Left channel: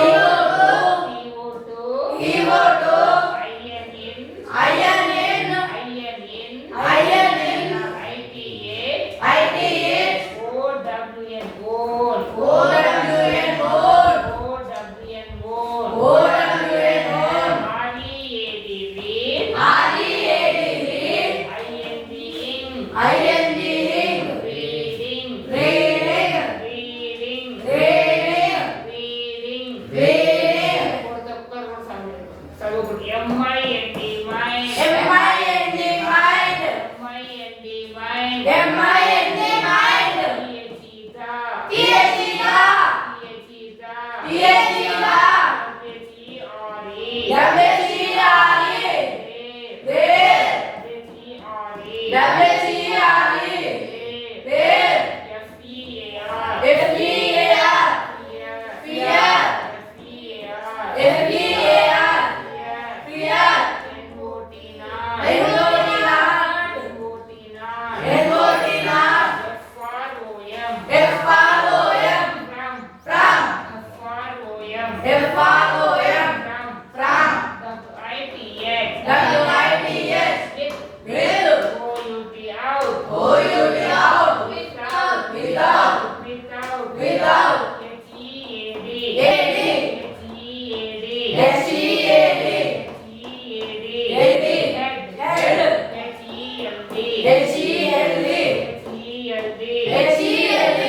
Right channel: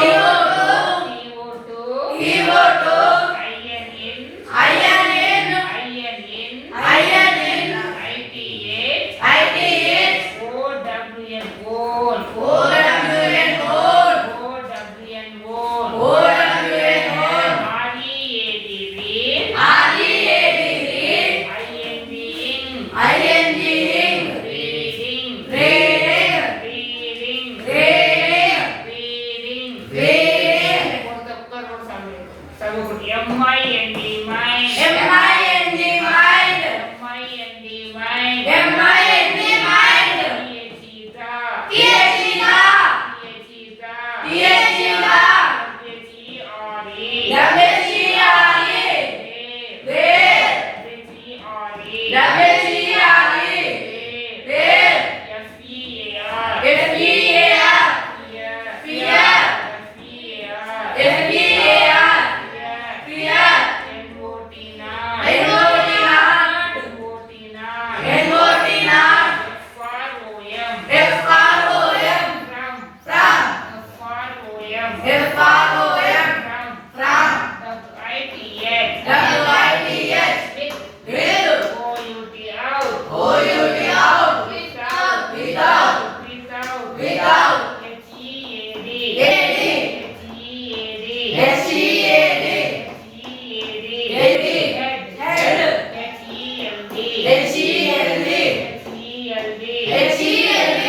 CO2 M-I-N-D, mind. M-I-N-D, mind. M-I-N-D, mind. M-I-N-D, mind. T-H-E-T-A. T-H-E-T-A. T-H-E-T-A. T-H-E-T-A. W-H-E-R-E. W-H-E-R-E. Wave. W-H-E-R-E. W-H-E-R-E. W-H-E-R-E. Wave. Wave. F-E-A-R. F-E-A-R. Fear. Fear. F-E-A-R. F-E-A-R. Fear. Fear. N-O-T-Not. N-O-T-Not. N-O-T-Not. N-O-T-Not. F-R-O-M. F-R-O-M. From. From. F-R-O-M. F-R-O-M. From. From. W-I-T-H. W-I-T-H. With. With. O-U-T out. O-U-T out. Without. Without. Without. Without. H-E-A-D. A-D. H-E-A-D. H-E-A-D. H-E-A-D. A-D. Head. Head. H-E-L-D. H-E-L-D. H-E-L-D. H-E-L-D.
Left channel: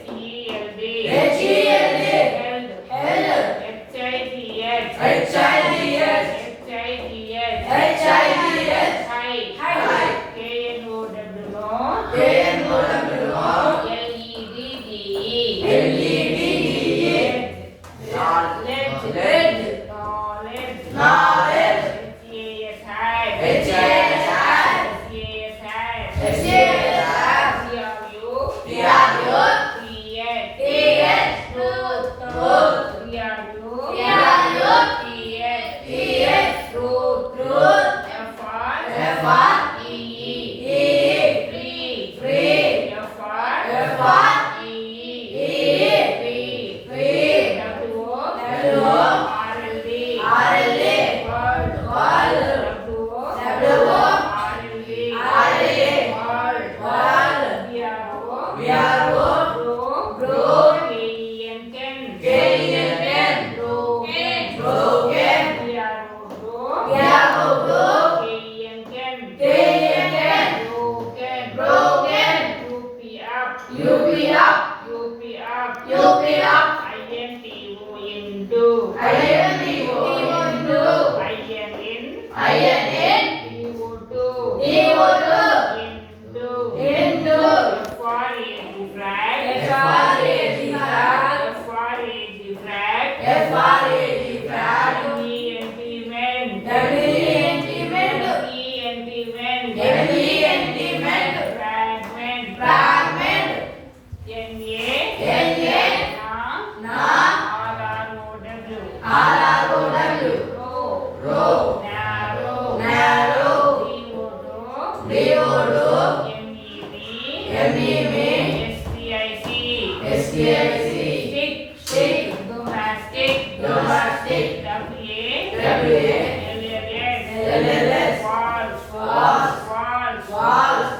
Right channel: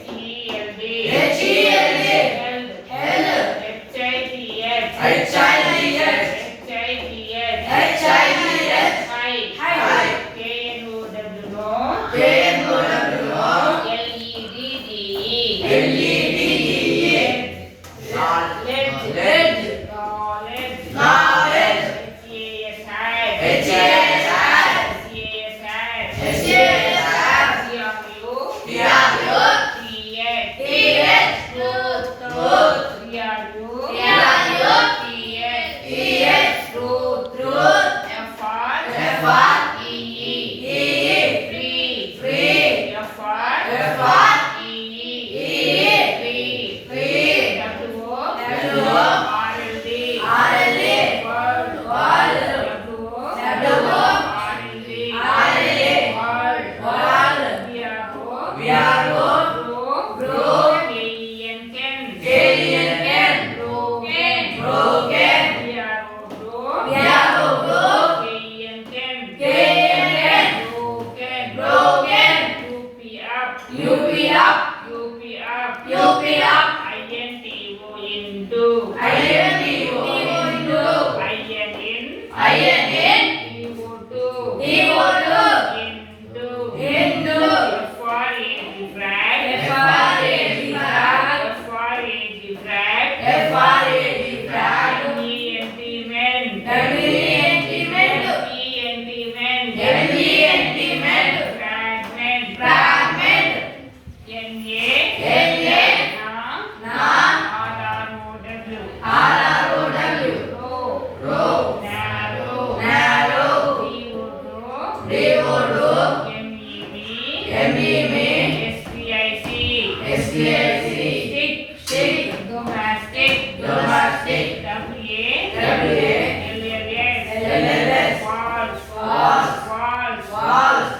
H-E-L-D. H-E-L-D. Health. Health. H-I-T-H. H-I-T-H. H-I-T-H. H-I-T-H. Height. Height. K-N-O-W-O. K-N-O-W-O. L-E-D-D-E. L-E-D-D-E. Knowledge. Knowledge. Knowledge. Knowledge. H-E-A-S-I. H-E-A-S-I. H-E-A-S-I. H-E-A-S-I. T-R-U. T-R-U. T-H. T-H. Truth. Truth. T-R-U. T-R-U. T-H. T-H. Truth. Truth. F-R. F-R. E-E. E-E. Free. Free. F-R. F-R. E-E. E-E. Free. Free. W-O. W-O. R-L-D. R-L-D. World. World. W-O. W-O. R-L-D. R-L-D. World. World. V-R-O. V-R-O. Grow. Grow. K-E-N-Ken. K-E-N-Ken. Broken. Broken. V-R-O. Grow. V-R-O. Grow. K-E-N-Ken. K-E-N-Ken. Broken. Broken. U-P up. U-P up. U-P up. U-P up. I-N-T-O-N-Do. I-N-T-O-N-Do. I-N-N. I-N-N. T-O-2. T-O-2. N-Do. N-Do. F-R-A-G frag. F-R-A-G frag. F-R-A-G frag. F-R-A-G frag. M-E-N-T men. M-E-N-T men. M-E-N-T men. M-E-N-T men. Fragment. Fragment. N-A. N-A. Na. Na. R-R-O-W. R-R-O-W. Row. Row. Narrow. Narrow. D-O-Do. D-O-Do. M-E-V. M-E-V. S-T-I-C. S-T-I-C. Stick. Stick. Domestic. Domestic. W-A. W-A. L-L-S. L-L-S. Walls. Walls. Walls. Walls.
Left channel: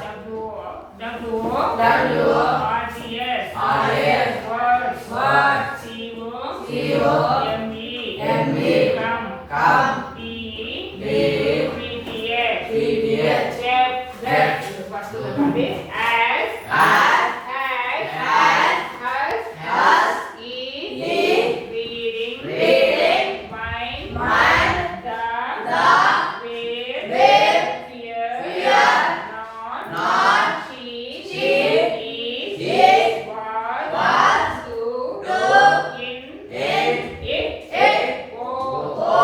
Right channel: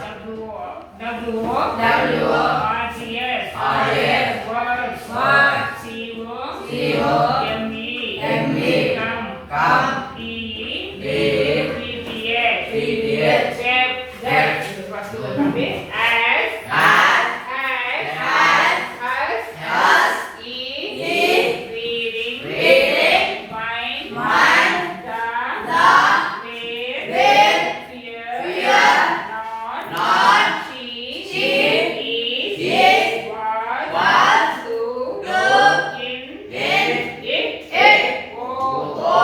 W-O. W-O. R-T-S. R-T-S. Words. Words. C-O. C-O. M-E. M-E. Come. Come. D-E. D-E. P-T-H. P-T-H. Depth. Depth. Itu pasti berarti as. As. As. As. Has. Has. Eat. Eat. Reading. Reading. Mind. Mind. The. With. With. Fear. Fear. Not. Not. Cheat. Cheat. Is. Is. Was. Was. Do. Do. In. In. It. It. Go. Go.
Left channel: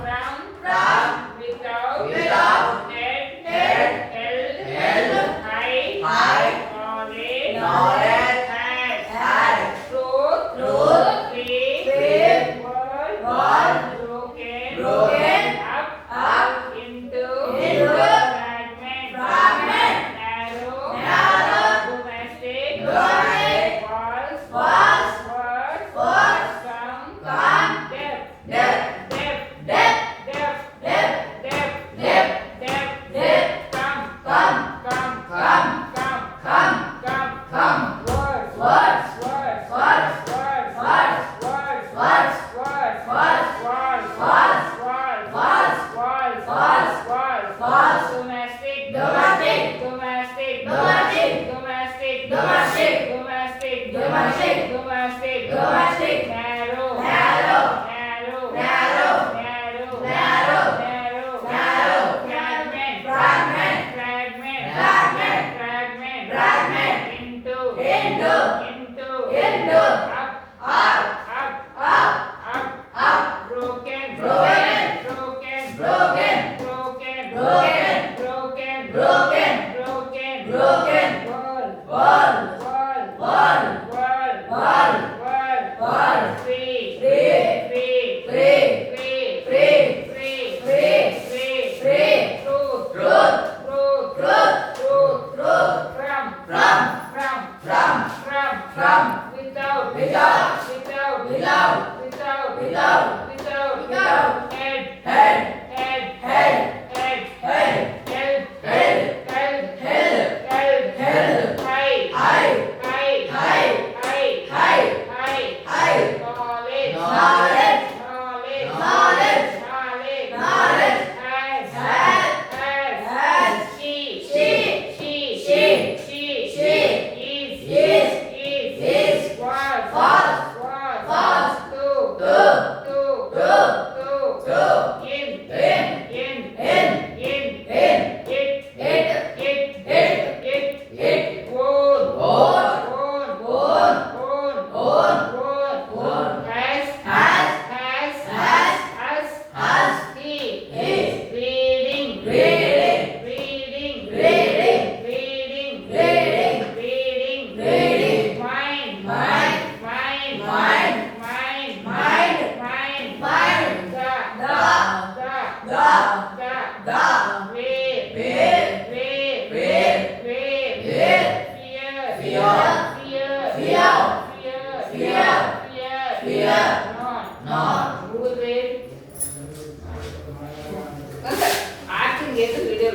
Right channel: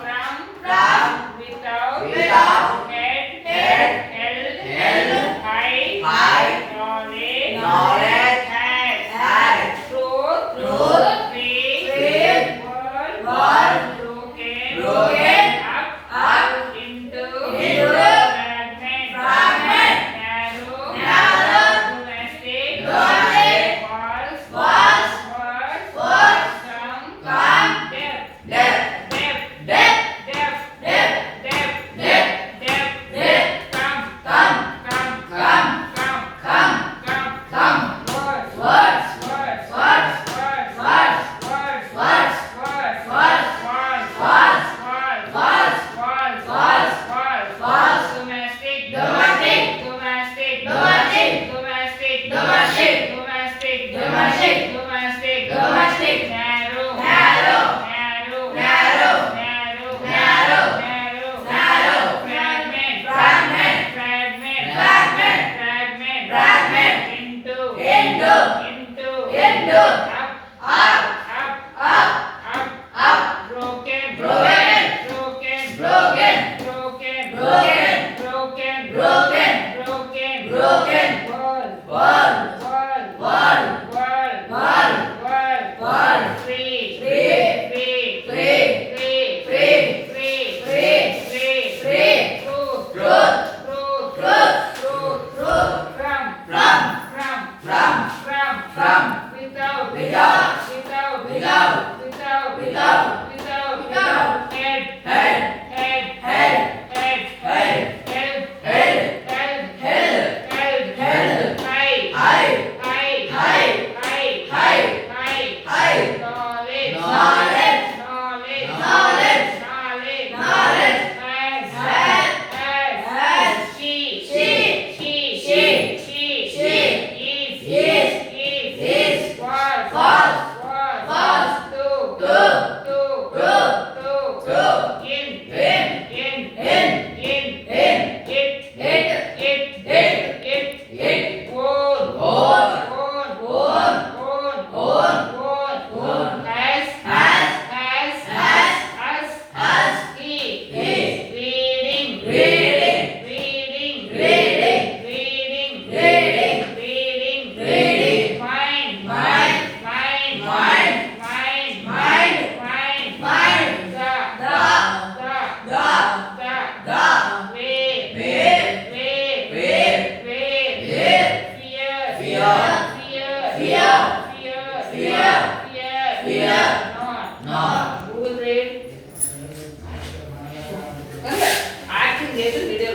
From. From. Without. Without. Head. Head. Held. Held. Height. Height. Knowledge. Knowledge. Had. Had. Truth. Truth. Free. Free. World. World. Broken. Broken. Up. Up. Into. Into. Fragment. Fragment. Narrow. Narrow. Domestic. Domestic. Walls. Walls. Words. Words. Come. Come. Depth. Depth. Depth. Depth. Depth. Depth. Depth. Depth. broken, broken, broken, broken, world, world, world, world, world, world, world, world, free, free, free, free, free, free, free, free, free, free, truth, truth, truth, truth, truth, truth, from, from, from, from, from, without, without, without, without, without, without, without, head, head, head, head, head, head, help, head, help, head, help, head, high, high, high, high, high, high, high, high, knowledge, knowledge, knowledge, knowledge, knowledge, knowledge, has, has, has, she, she, is, was, was, do, in, it, own, as, he, reading, mind, fear, fear,